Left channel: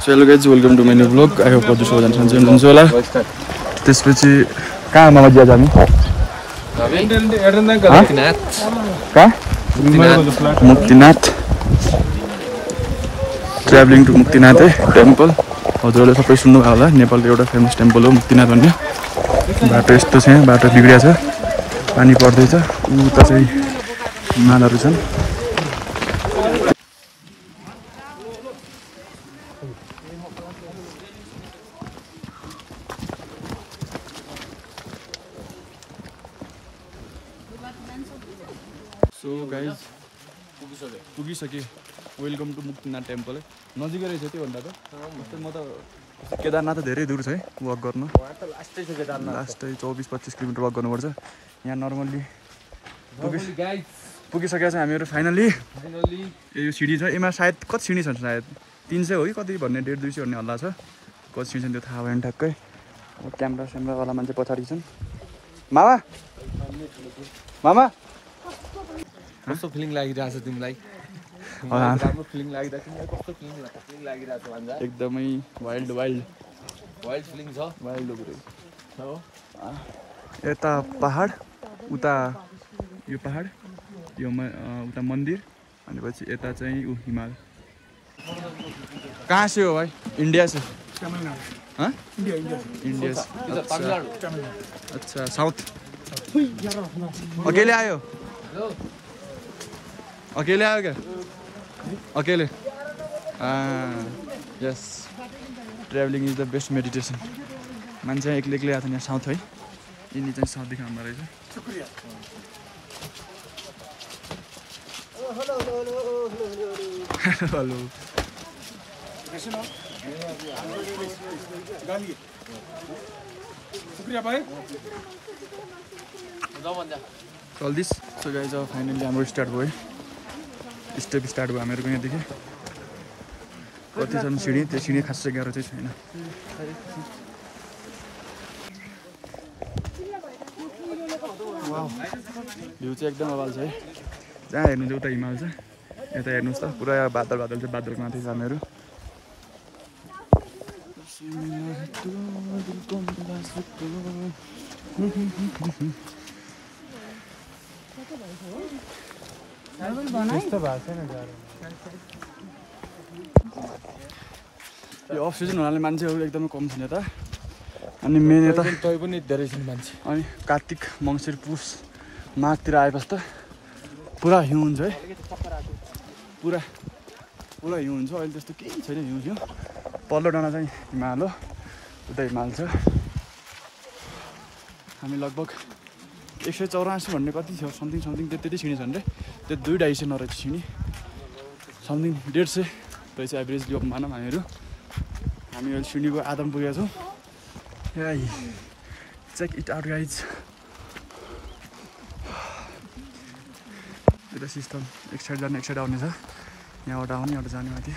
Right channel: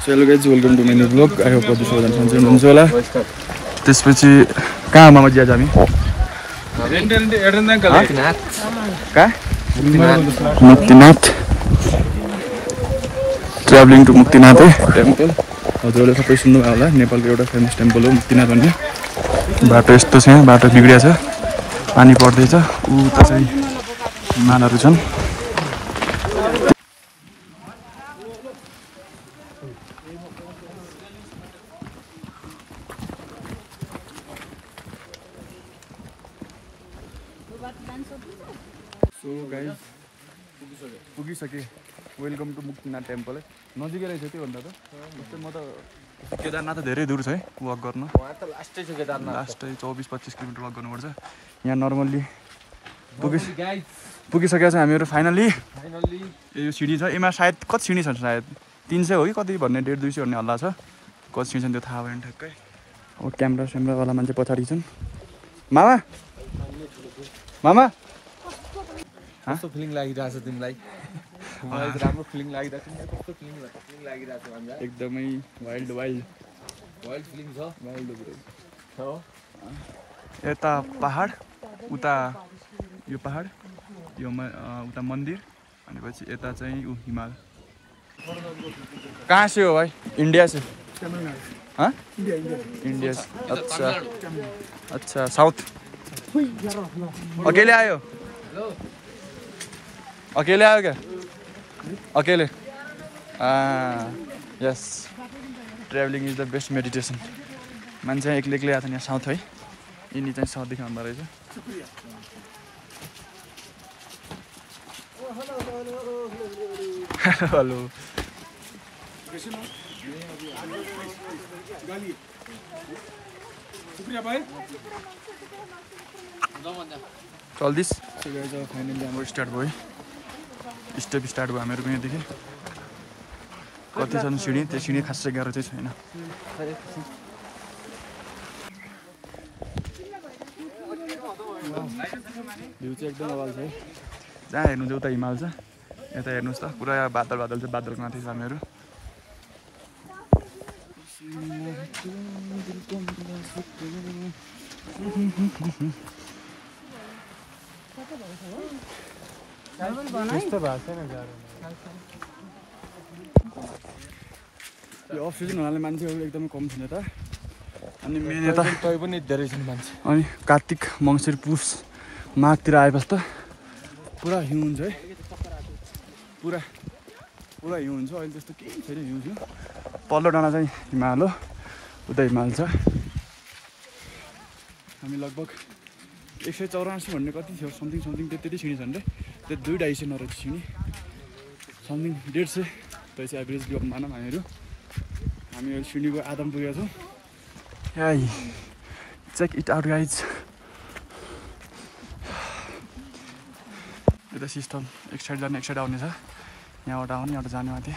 So hello guys, welcome to my new vlog. I hope you all सन्चै हुनुहुन्छ होला. त्यसपछि कहाँ मामा जिया हामी? Muktinath. Traveling to Muktinath temple. हजुरले सबै सुन्नु भयो होला. नेपालको एउटा फेमस टेम्पल हो मुक्तिनाथ भन्ने. बाटो यस्तो छ, बाटो बिग्रिया छ. पानी पर्दै छ. उता चाहिँ हिमालहरू छन्. So guys, पुगिसके. वेलकम टु मुक्तिनाथ टेम्पल है. नजिकै रहेछ त्यो भन्दा त. म त केदारनाथ त धेरै दूर छ है वक गर्न. लास्ट 24-25 किलोमिटर वक गर्नुपर्छ. यहाँ नर्मल्ली पुगिसकेको छ हामीहरू फाइनली. यो सिडी छ. यसमा सायद कति सिडी छ सायद 300 हो कि कति भन्ने 150-200 भन्ने हल्ला छ. कति सिडी छन् त्यो थाहा भएन ठ्याक्कै. अब क्यामेरावाला मान्छे पछाडि छन्. मामा कस्तो फिलिङ लागिरहेछ तिमीलाई? एकदमै वाइल्ड फिलिङ छ. पुरै यता पहाड उता यो पहाड यो उता मन्दिर अनि पछि यता चाहिँ हिमाल. कहाँ से हो भाइ? इंडिया से. हाँ इंडिया से. अच्छा साउथ. अकेले आयो क्या? अकेले. Yes. Travelling is the best meditation. मान्छे एक्लै एक्लै आएको छ यहाँ साउथ है. यिनी चाहिँ साउथदेखि आउँदो रहेछ. हेलो चल्दिस. सो गाइज अब फाइनली हाम्रो स्टार्ट भयो. स्टेप स्टार्ट भयो हामीहरूको यहाँदेखि. कति छन् सिडी? त्यो सिडी खासै गाह्रो चाहिँ छैन. भ्यू चाहिँ एकदम अवाल छ है. जहाँ हेर्नुहुन्छ उता हिमाल छ. यता हेर्नुहोस् त पुरा बादल छ. बादलको माथि छ हामीहरू. यो अफ सिजन हुनाले मान्छेहरू एकदमै कम छन् यता. अनि मेन यता पनि धेरै छन् मान्छे. अनि कार्तिक मङ्सिर पुस माघतिर आएपछि त पुरा हिउँ हुन्छ है. पुरा हिउँ हुन्छ. अहिले त्यस्तो केही छैन हिउँ. पल्लो डाँडा चाहिँ हिमाल हो. उता हिमाल छ. हामी लगभग 184 भन्ने कति थियो समथिङ त्यति सिँढी छन् रे. त्यो 2-250 नरहेछ सिँढी. समथिङ 150 रहेछ एभरेजली मानौँ हामीहरू. हामी अहिले सिँढीको आधामा पुगेका छौँ. Check it out guys. यता सिस्टम एक साइड जाने एक साइड आउने छ. यहाँबाट आउने यहाँबाट जाने माथि.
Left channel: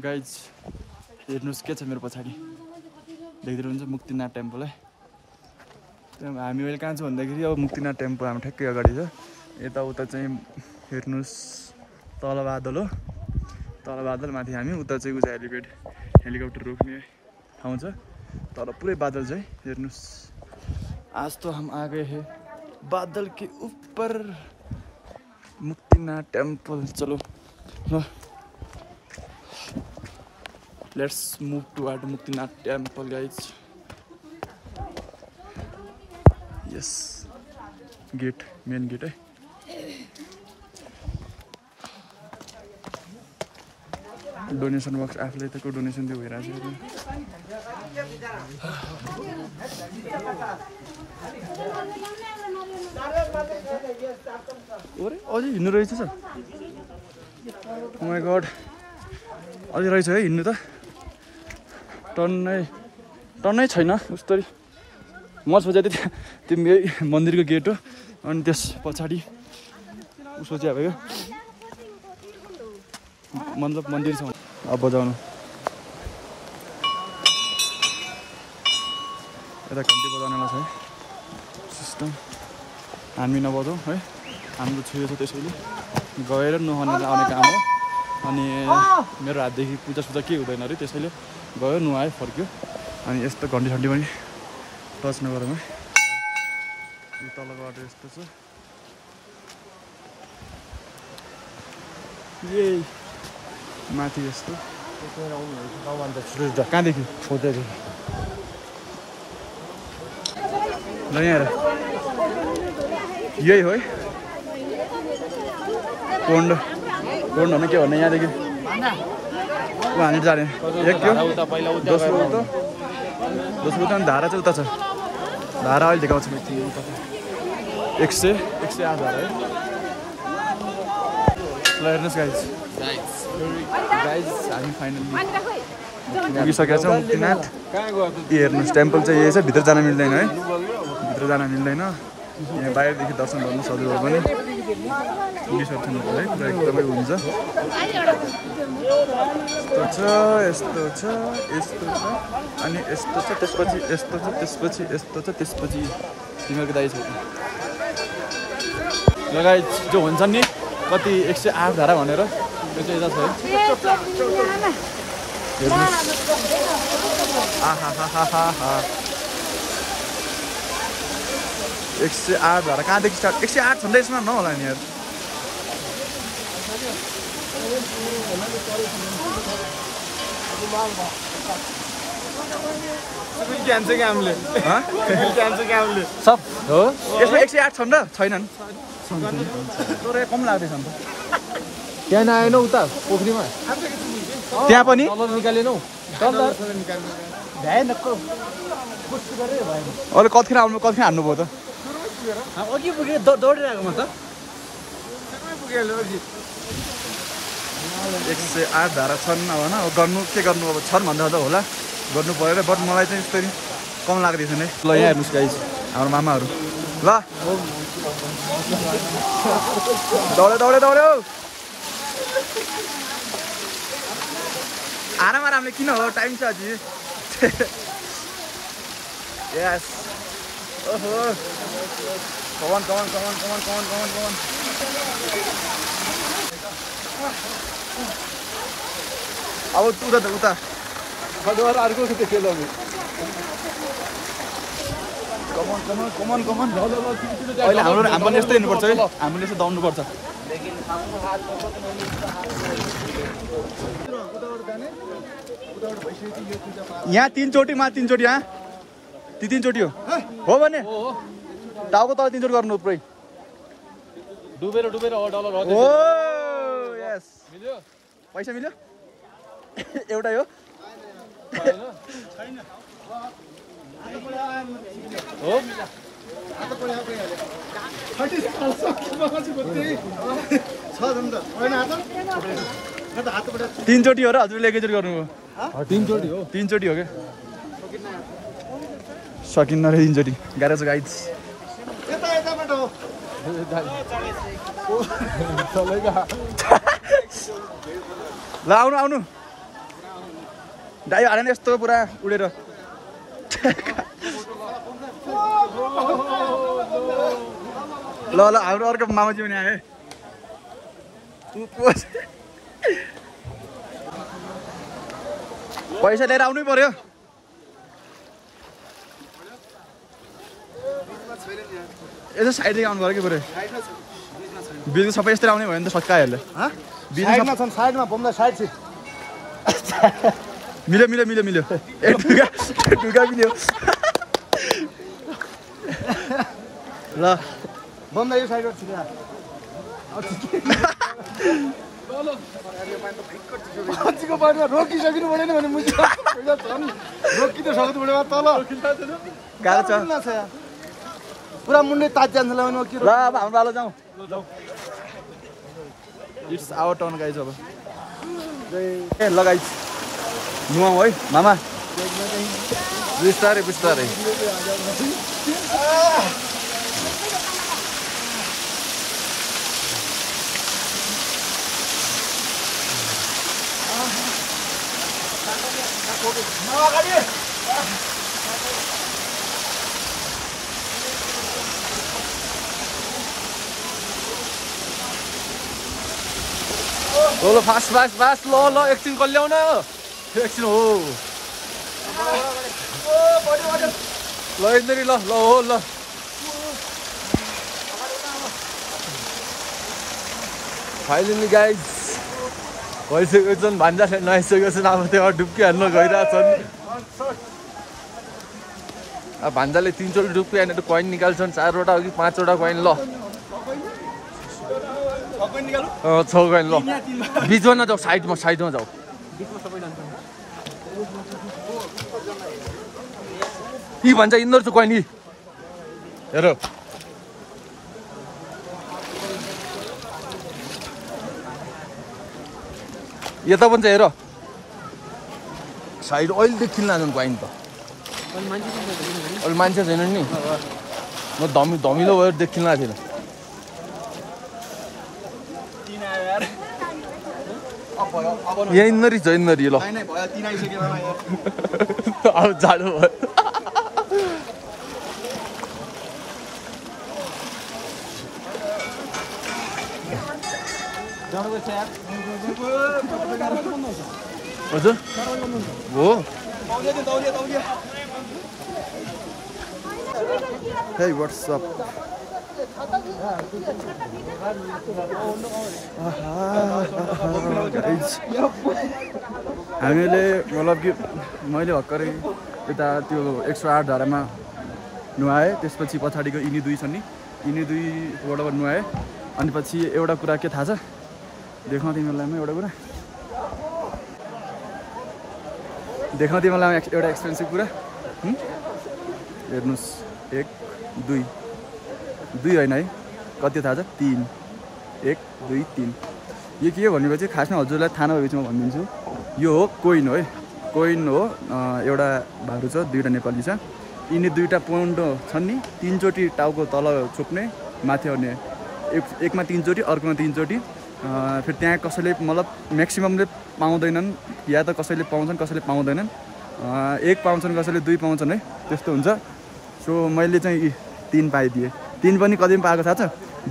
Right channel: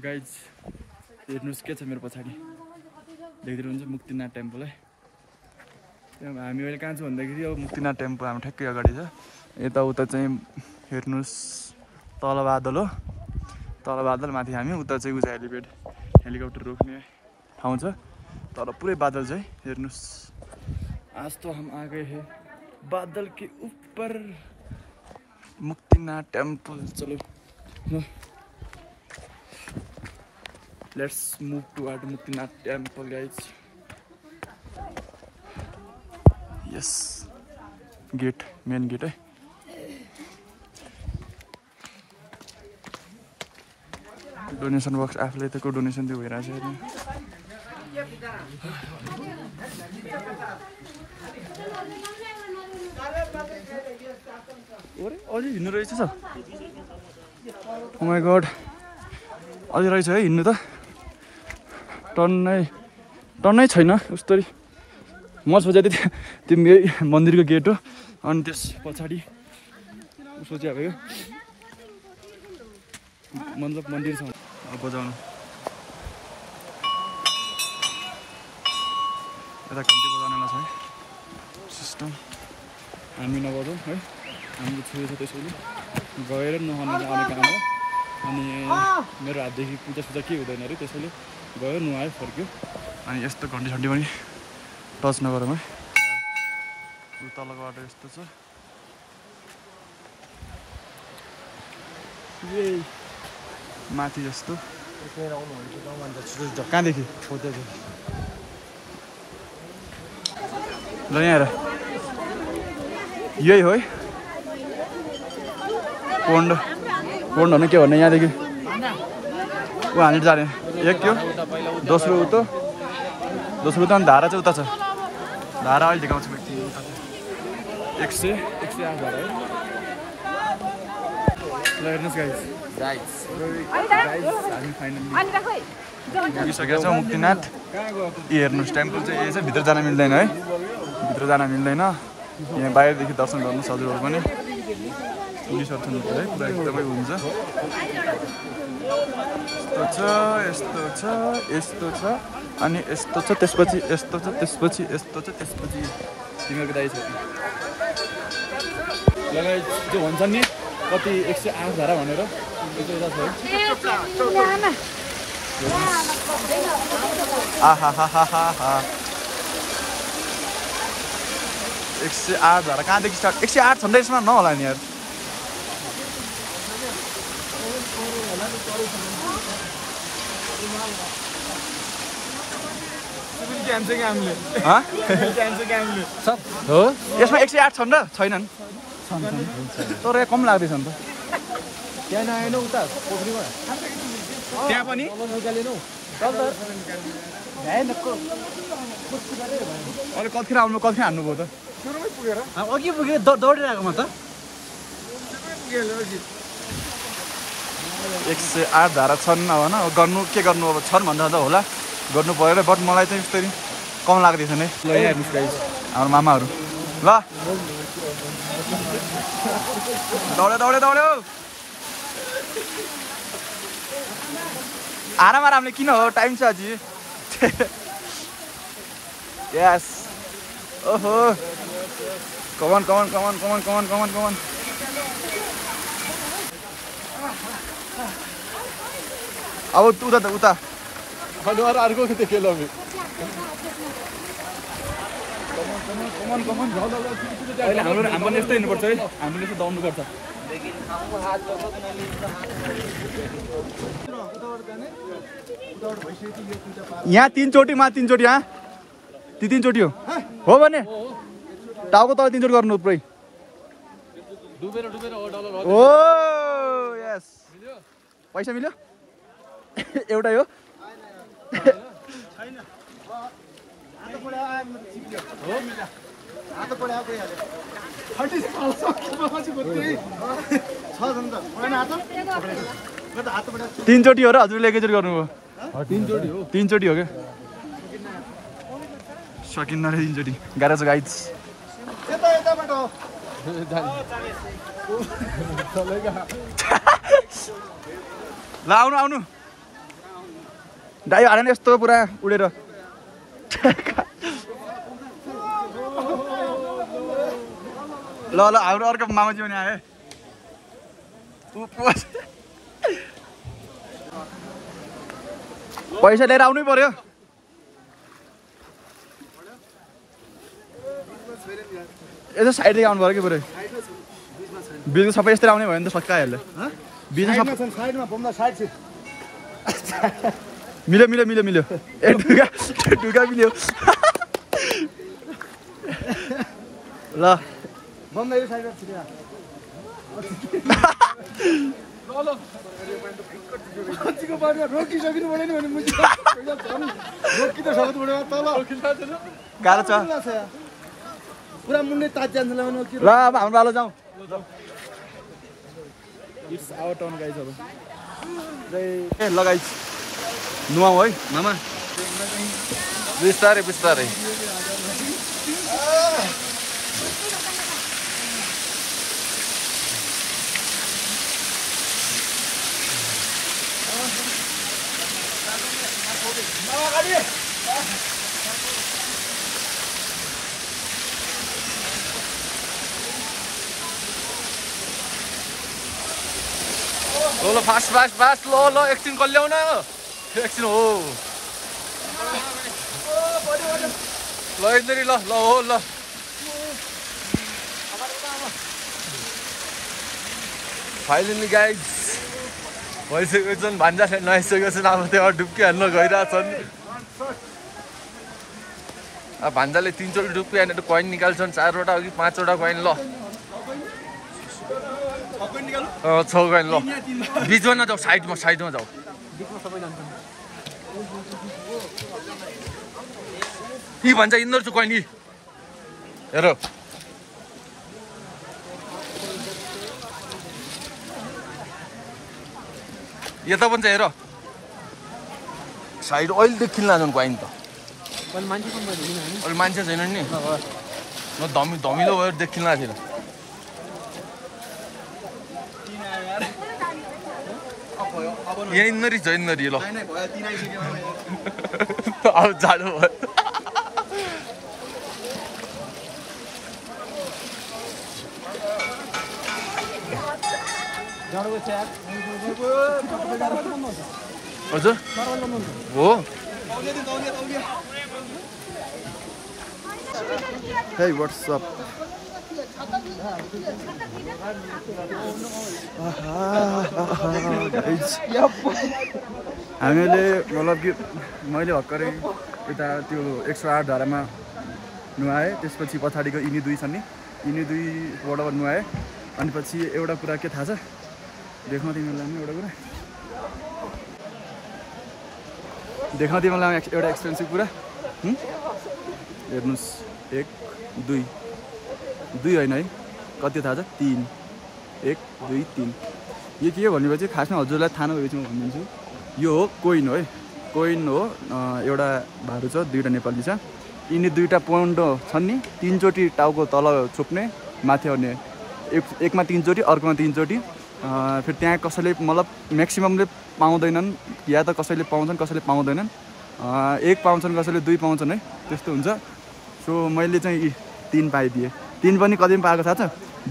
गाइज हेर्नुहोस् के छ मेरो पछाडि. देख्नुहुन्छ मुक्तिनाथ टेम्पल है. हामी अहिले कहाँ छ भन्दाखेरि अब मुक्तिनाथ टेम्पल हाम्रो ठ्याक्कै अगाडि छ. यताउता चाहिँ हेर्नुहोस् तल बादल हो. तल बादल माथि हामी. उता चाहिँ उता हेलिकप्टर रोक्ने ठाउँ छ. तर पुरै बादल छ है. हेर्नुहोस्. आज तो हम आ गए हैं बादल के ऊपर. मुक्तिनाथ टेम्पल. चलो let's move toward Muktinath temple guys. Yes gate main gate है. डोनेसन बक्स आफूले त को डोनेसन दियो भइरहेछ. अझै हिँड्नु रहेछ. ओ माई गड अझै रहेछ है हिँड्नु त. टर्नै छैन उस्तो. म सोचेको थिएँ त्यो मन्दिरको गेट हो. अनि त्यस पछाडि सोचे भयो मतलब मन्दिर छ. अब बजाउनु यता घन्टी बजाउनेलाई छ है. एकदम हामी नबजाउँ है, हाम्रो छेउ छ त्यसैले गएर नुहाउन आउने काम हो। अनि मेरो हातदेखि पूजा के हुँदैन अरे, त्यसैले गयो नुहायो फर्क्यो। अनि यस्तो घन्टी सन्टी पनि टच नगरौँ है। तलको बाटो यस्तो छ, ए माथि यस्तो कहाँदेखि ल यहाँ हेर, यही हो है पोन्ड। पोन्ड भन्नु के भन्ने, यहाँदेखि ऊ हामी जाने एक त्यो दोस्रो उता अनि धारा चाहिँ उता छ। धारा अहिले देखाउँछ म एकछिन, उता 108 धारा है। ल हेर्नुहोस् गाइज हामी फाइनल्ली पुगिसकेका छौँ मुक्तिनाथ। हेर्नुहोस् टेम्पल चाहिँ यही छ, भित्र जान मिल्दैन है, भित्र जान मिल्दैन। यहाँ बाहिरदेखि दर्शन गर्नु हजुरहरू पनि पुगिसक्छन् है, पुरा एकदमै हुन्छ। यस्तो छ यस्तो छ यस्तो छ अनि यस्तो छ, त्यसपछि यस्तो छ, त्यसपछि यस्तो छ, त्यसपछि तिमीहरूको दाइ छ लगाइ जो हुन्छ नि कति 108 धारा भनेर, त्यो चाहिँ यता छ है। आहा 108 धारा कहाँदेखि स्टार्ट? 108 छ नि त, यसमा नहोला नि यार। यसमा 108 छन् र छैनन्? तर कम लाग्दैछ नि त। त्यहाँ नआएन उता पोखरीमा, त्यहाँ पनि अहिले कतिखेर आउनु, कतिखेर हान्नुभयो त? अघि पुगेर दौडेर आएको म त। 108 धारा छन् अब होइन, गर्नु के गर्नु, अब छन् भन्दा त होला गर्नु पऱ्यो। बट मलाई चाहिँ यस्तै कम लाग्दैछ नि। ल यहाँ हेर्नुहोस् गाइस हाम्रो मामाहरू, ल दौड्यो आरामले किन हो, टाइम छ अझै। यस ओहो कमन अब उता कमन अहिले हाम्रो पनि यस्तै हिँड्नुपर्छ है, हामीले यस्तो दौड्नुपर्छ। यहाँ 3 चोटि मा 3 चोटि, यहाँ ती 3 चोटि हो भने टाउको तल 3 चोटि गर्नु पुरै डुबेर ओ यस पैसा मिल्यो एउटै हो तीन चोटि हो र हजुरले एकैचोटि गर्नुभयो? 3 चोटि हो, 3 चोटि हो क्या, सकिन्न रे 3 चोटि, गाह्रो छ गाइज। ल आउनु दाइ हालेन यस्तो पुरा उडेर। ल हाम्रो अर्को मामाजी पनि आए, पैसा लिएर आउनै पर्यो। यसो साइडदेखि आउनु पर्यो कि पुरै बिचको सबै यस्तै आउने भयो नि त सकाइहाल्यो। मिल्यो ए ढुगा मिल्यो। ल गाह्रो छ पुरा मुन्ने ताज जान्छ। ल अब हाम्रो पालो जाउँ। It's our turn guys. अब ए ल गाइज नुहाउँ है मामा, बिस्तारै बिस्तारै। ल फास्ट फास्ट फास्ट ल एकछिन कल्याउन एकछिन हो ल यिनीहरू ल ल हो ल फाइनली गाइज भइसकेको छन् भान्जा नआइसकेको छन् अब त्यो डुब्की हाल्न गइरहेछन् अब भान्जाले 3 चोटि डुब्की हानेर कोइन निकाल्छन् 4वटा अघि 5वटा कोइन ल 6 कोइन ल बीचमा नजाऊ साइडमा जाऊ यी भन्छ यिनीहरू चाहिँ कोइन हेर यता पनि हेर साइड अहिले खिल्न जानु कोइन त अहिले मान्छे छैन नि म धमिलो भएर देखिन लागेको थिएन यहीँनिर छ यिनीहरू ल अब जाडो भयो हजुर हो Hey, what's up? Guys, हामीले मतलब कि मैले भर्खरै यता त्यो 108 धारामा नुहाएँ त्यसपछि पछाडिको यिनी दुई छन् नि यिनी दुईबाट नुहाएँ अनि पछि एउटा कुरा के थाहा छ देखाउँ तिमीलाई म एउटा कुरा देखाउँ तिमीलाई एउटा एक्सपेन्सिभ कुरा हेर्नुस् 1 2 होइन है कति थाहा छ 3 1 2 3 यो के हो भनेपछि खासमा हजुरलाई थाहा नभएपछि म भनिदिन्छु यो हो कोइन हो है कोइन हो एउटा भारू छ दुईवटा नेपाली छ यिनी दुईवटा पौन्डो छन् नि 3 चोटि टाउको तल छोप्ने माथि आउने एकमा 3 चोटि अर्कोमा 3 चोटि फेरि त्यहाँ कसैले मतलब म्याक्सिममले पाउँदैनन् या त कसैले पाउँछन् कसैले पाउँदैनन् 1 पाउँछन् कसैले 2 पाउँछन् है त्यस्तो हुन्छ सो मैले चाहिँ 3 पाइदिएँ 3 पनि कतिमा पाएको थाहा छ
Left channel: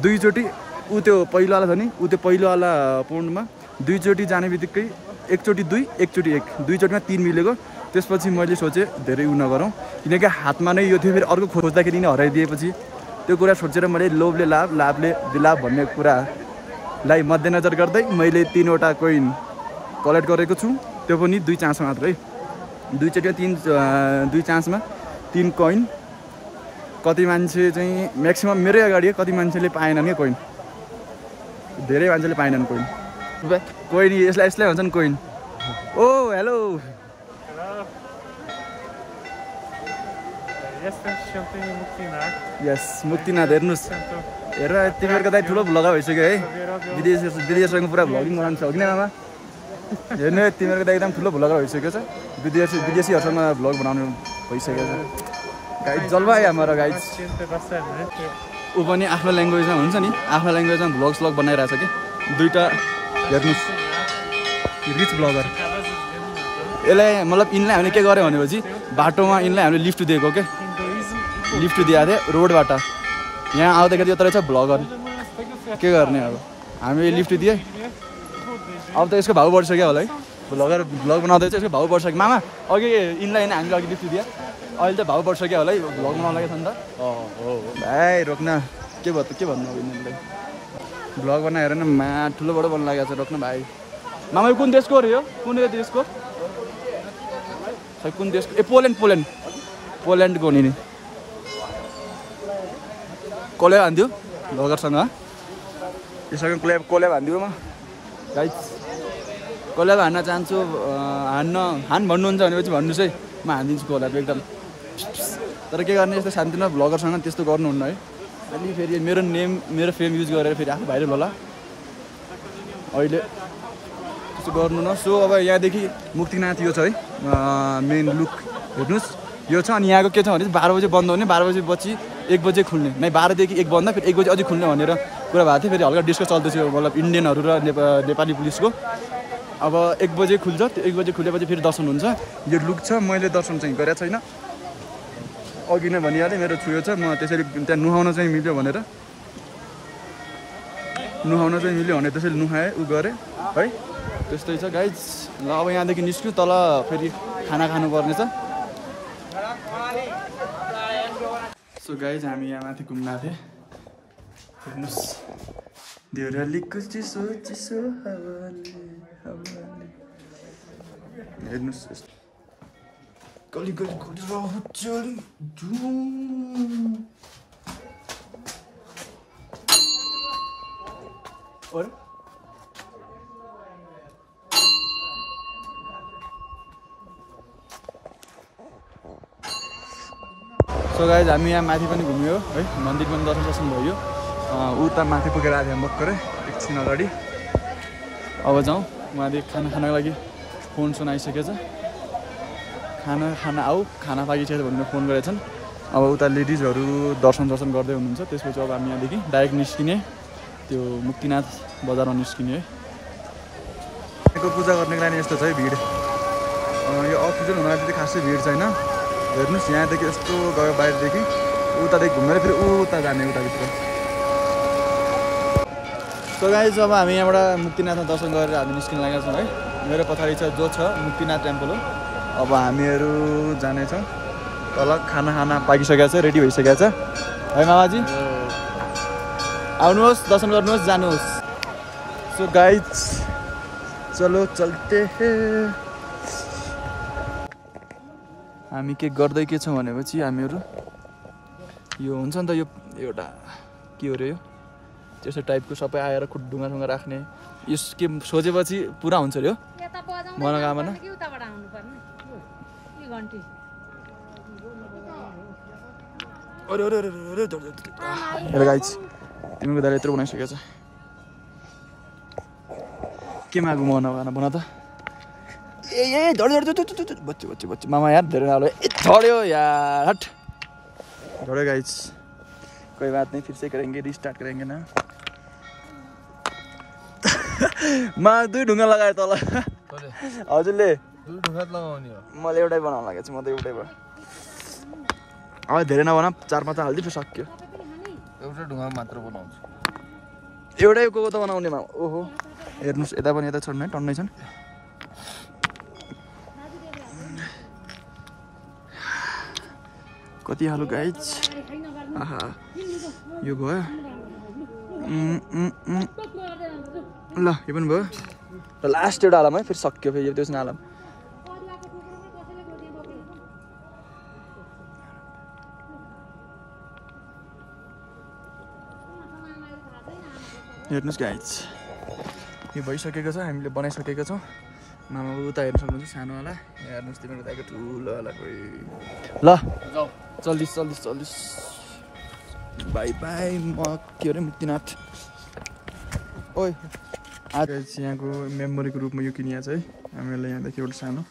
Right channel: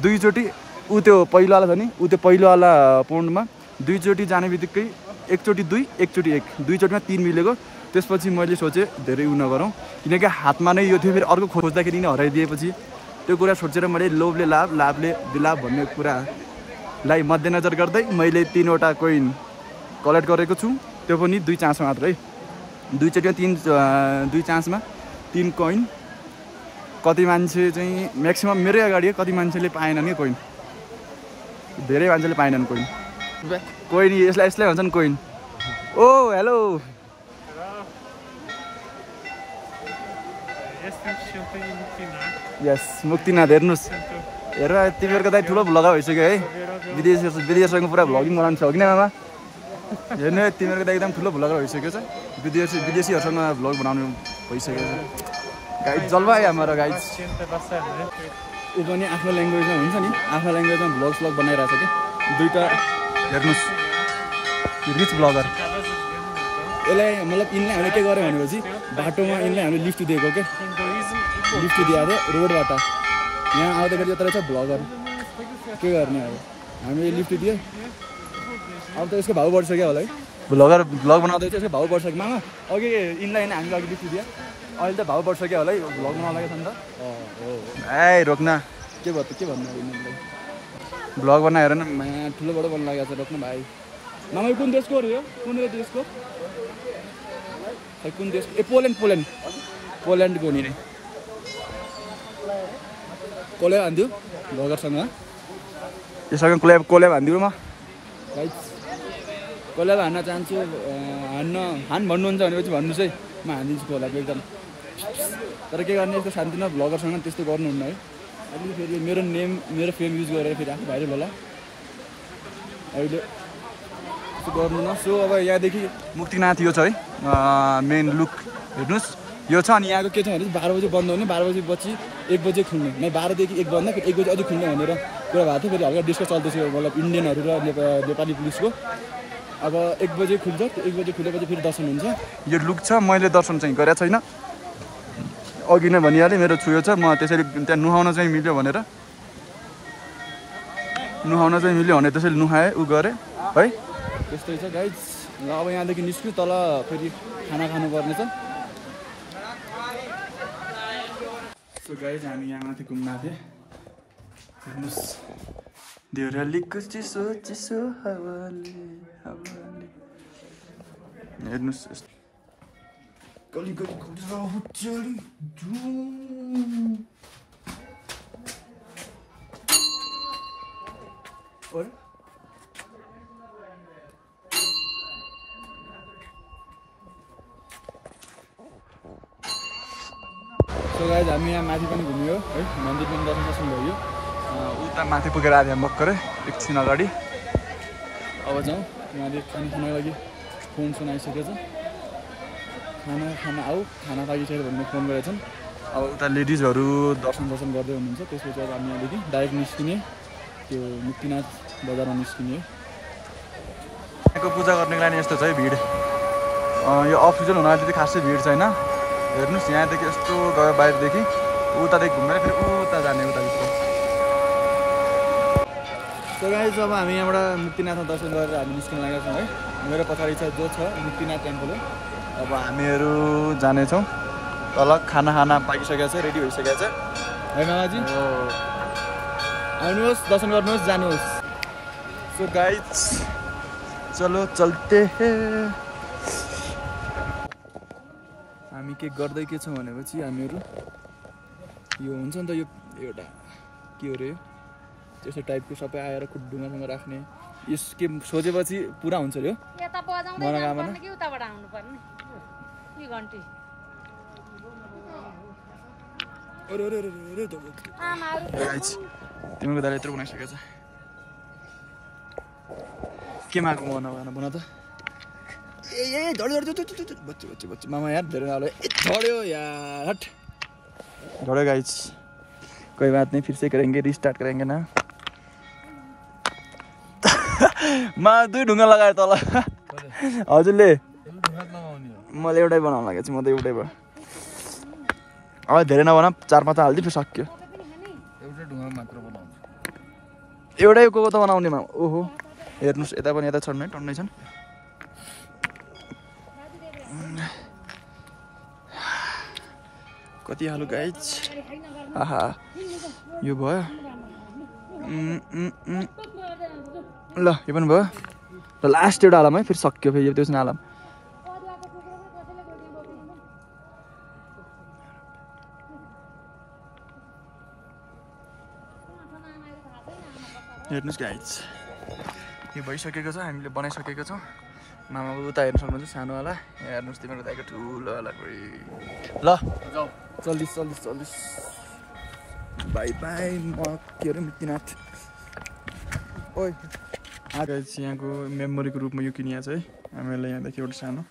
2 चोटि ऊ त्यो पहिलोवाला छ नि ऊ त्यो पहिलोवाला पौन्डमा 2 चोटि जाने बित्तिकै 1 चोटि 2 1 चोटि 1 2 चोटिमा 3 मिलेको त्यसपछि मैले सोचेँ धेरै उ नगरौँ किनकि हातमा नै यो थियो फेरि अर्को खोज्दाखेरि नै हराइदिएपछि त्यो कुरा सोचेर मैले लोभले लाभले विलाभ भन्ने कुरालाई मध्यनजर गर्दै मैले 3वटा कोइन कलेक्ट गरेको छु त्यो पनि 2 चान्समा मात्र है 2 चोटिमा 2 चान्समा 3 कोइन कति मान्छे चाहिँ म्याक्सिमम मेरै अगाडि कति मान्छेले पाएनन् क्या कोइन धेरै मान्छेले पाएनन् कोइन यसलाई भन्छन् कोइन ओ हेलो यस मुक्तिनाथ हेर्नुहोस् हेर तिमीहरूको दाइ ठुलो भ्लगर भइसक्यो है विदेशसँग पुरा भ्लगिङ बनाउनु छ हो कि आमा हेर्नु तिमीहरूको दाइ एकदम ठुलो भ्लगर भइसक्यो छ विदेशीहरूसँग भ्लग बनाउनु भइसकेको छ गाइड जलवायु हाम्रो गाइड ऊ पनि आफ्नो ल्याङ्ग्वेजमा हुन्छ नि आफ्नो ल्याङ्ग्वेजमा भ्लग बनाइरहेछ कि दुईवटा हेर्नुहोस् रिच भ्लगर यसलाई मतलब यिनलाई हामीले के गर्यो भनेपछि बाटोमा यिनलाई हामीले लिफ्ट दिएको के लिफ्ट दिएको थियो रोडबाट यहाँ आउँदाखेरि यत्रो छ भ्लगर के गर्ने अब हामीले लिफ्ट दिए अब त यसको भाउ बढिसक्यो होला है भ्लग बनाउँदै चाहिँ यसको भाउ बढिसक्यो मामा अघि यिनलाई हामीले अघि लिफ्ट दियो अहिले त भाउ बढिसक्यो होला है भ्लग बनाउनु लागेको छ नि त भाइ रोक्न के भन्नु अब यिनीहरूलाई भ्लग बनाएर न ठुलोबाट बन्नु लागेको छ रोक्न भाइ मामा यो कुन देशको हो कुन देशको खै कुन देशको ए पोल्यान्डको हो नि कोल्याब हान्दियो भ्लगरसँग योसँग कोल्याब हान्दियो म गाइस कोल्याब हान्न चाहन्छु हान भन्नुहुन्छ भनेपछि भन्नुहोस् है म हानिदिन्छु कोल्याब एकदम तर के गर्ने यस्तो शान्तिमा भ्लगरसँग त्यस्तो गर्नुहुन्न है अलि फेरि मेरो फेम युज गरेर फेरि आफू भाइरल होला अहिले त्यस्तो गर्नु न सो अब यहाँदेखि मुक्तिनाथ यो छ है मेन लुक हेर्नुहोस् यो छ अनि यहाँको के छ भने 12 बजे बन्द हुने 12 बजेपछि 1 बजे खुल्ने नै 12 देखि 1 बन्द फेरि 1 बजे अझै खुल्ने भनेर कुरा भएको थियो फेरि हल्का डिस्कस चल्दैछ मतलब इन्डियनहरू र नेपाली पुलिसको अब 1 बजे खुल्छ त्यो 1 बजे खुलेपछि फेरि दर्शन हुन्छ यो लुक छ मैले दर्शन चाहिँ गरेको छैन अघि नै भनिहालेँ मेरो छुयो छ म त्यसरी त्यहाँ नुहाउन चाहिँ मिल्यो भनेर त्यसैले नुहाएँ उ गरेँ है त्यस्तै छ गाइज ल अब यहाँदेखि निस्क्यौँ तल फेरि खाना खानुपर्ने छ सो गाइज हामी यहाँ माथि घुम्न आएको थियौँ हेर्नुहोस् देउरालीको चिसो चिसो हावाले हावाले हेर्नुहोस् गली गली खोलेर अरे सो गाइज हामी यहाँ माथि पनि घुम्यो है मन्दिर पनि दर्शन भयो उता माथि पुगेर आएको थियौँ भर्खरै एकछिन अगाडि अब जाउँ उहाँले खाना खानको लागि फोन आइसकेको छ खाना आऊ खाना पाकिसक्यो भनेर फोन गरेछन् अब उता लेडिजहरू दर्शन गर्दै हुनुहुन्छ त्यसपछि अब हामी यहाँदेखि डाइरेक्ट निस्किने त्यो मुक्तिनाथ बजारमा निस्किने है यहाँको पूजा गर्नेको लागि यस्तो छ है भिड यो अफिसियल हुनाले त्यति खासै भिड छैन हेर्नुहोस् यहाँदेखि यस्तो गयो बाहिरदेखि उतादेखि घुमेर फेरि उता जाने उताभित्र सो गाइज अब हामी यहाँबाट मुक्तिनाथमा दर्शन गरेर हामी निस्किन लागेका छौँ है मेरो पछाडि छ जो छ मुक्तिनाथ टेम्पल हो अब हामीहरू जानेछौँ तल खाना पाकिसकेको छ रेडी भइसकेको छ है मामाजी आउनुहोस् दर्शन गर्नुहोस् जानुहोस् सो गाइज चलो चल्ते हामी के गर्दै के छौँ भनेपछि हामीहरू यो हुन्छ नि त यो एउटा के हो रे यो त्यस्तो टाइपको सबै आएर ढुङ्गा राख्ने यस के सोचेपछि पुरा हुन्छ रे हो मनोकामना गाइज तिमीको दाइले यत्रो बनाइसकेको छ के मागु मनोकामना भन त ए झड्यो बच्चो मामा यार धेरै नालो झड्यो यार हट झड्यो गाइज कोई बात नहीं फिर से करेंगे रिस्टार्ट करेंगे ना मा दुई ढुङ्गा लगाए तल हजुरले मैले एउटै बनाउनु लागेको छु म त एउटै भयो अब धेरै नबना 4-5 हालिदियो फेरि सक्यो एउटा ढुङ्गा मात्र बनाउँछु एउटै को त बनाउने ओहो हेर्नुहोस् यता पनि यता छन् है टन्नै छन् कति हालु गाइज आहा यो भयो ल यो पनि भयो ल लास्ट एउटा हालम है फेरि सक्यो फेरि त्यो हालम हेर्नुहोस् गाइज यो भइसकेको छ हामीले बनाइसकेको छौँ मामा उता हेर्न सक्नुहुन्छ सानोवाला हेर्नुहोस् तिमीहरूको दाइको ठुलोवाला ल चल्दिस बाई बाई म के अरे मुक्तिनाथ ओइ आज यहाँको मेमोरीको रूपमा यो किनिया छ है हामीलाई यहाँदेखि एउटा सानो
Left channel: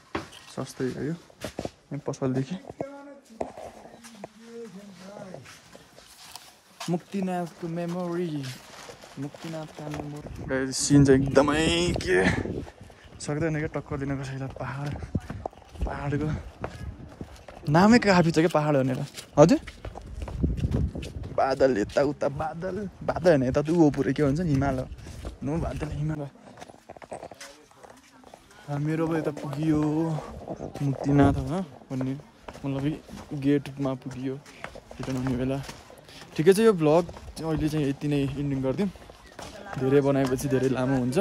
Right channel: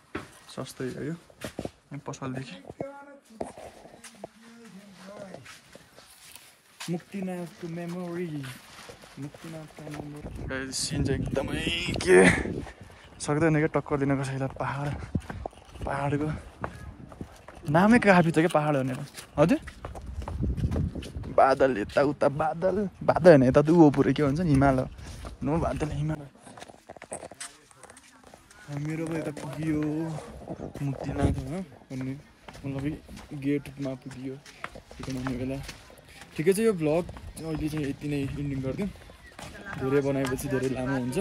सस्तै हो यो यहाँ पसलदेखि मुक्तिनाथको मेमोरी मुक्तिनाथका मेमोरी सिन चाहिँ एकदमै के सक्दैन क्या टक्कर दिन कसैलाई पहाडको नामै काफी छ क्या पहाड भनेर हजुर बादल यताउता बादल होइन यता त ऊ पुरै के भन्छ नि हिमाल नो बादल हिमाल मेरो अब यता पुगियो मुक्तिनाथ भन्ने मतलब गेटमा पुगियो रिटर्न हुने बेला ठिकै छ यो भ्लग अहिले चाहिँ यति नै इन्डिङ गरिदिउँ धेरै बनाएपछि धेरै लामो हुन्छ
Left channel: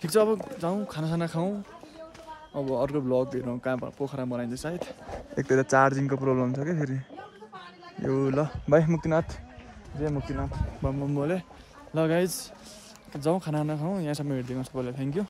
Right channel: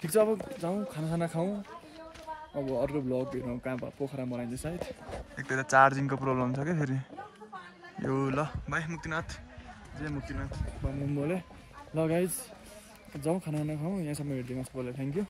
ठिक छ अब जाउँ खाना खाउँ अब अर्को भ्लग हेरौँ कहाँ पोखरा बनाइन्छ सायद एक त चार्जिङको प्रब्लम छ क्या फेरि यो ल बाई मुक्तिनाथ जय मुक्तिनाथ बम बोले ल गाइज जाउँ खाना खाउँ यहाँसम्म हेरिदिनुहोस् पहिला थ्याङ्क यू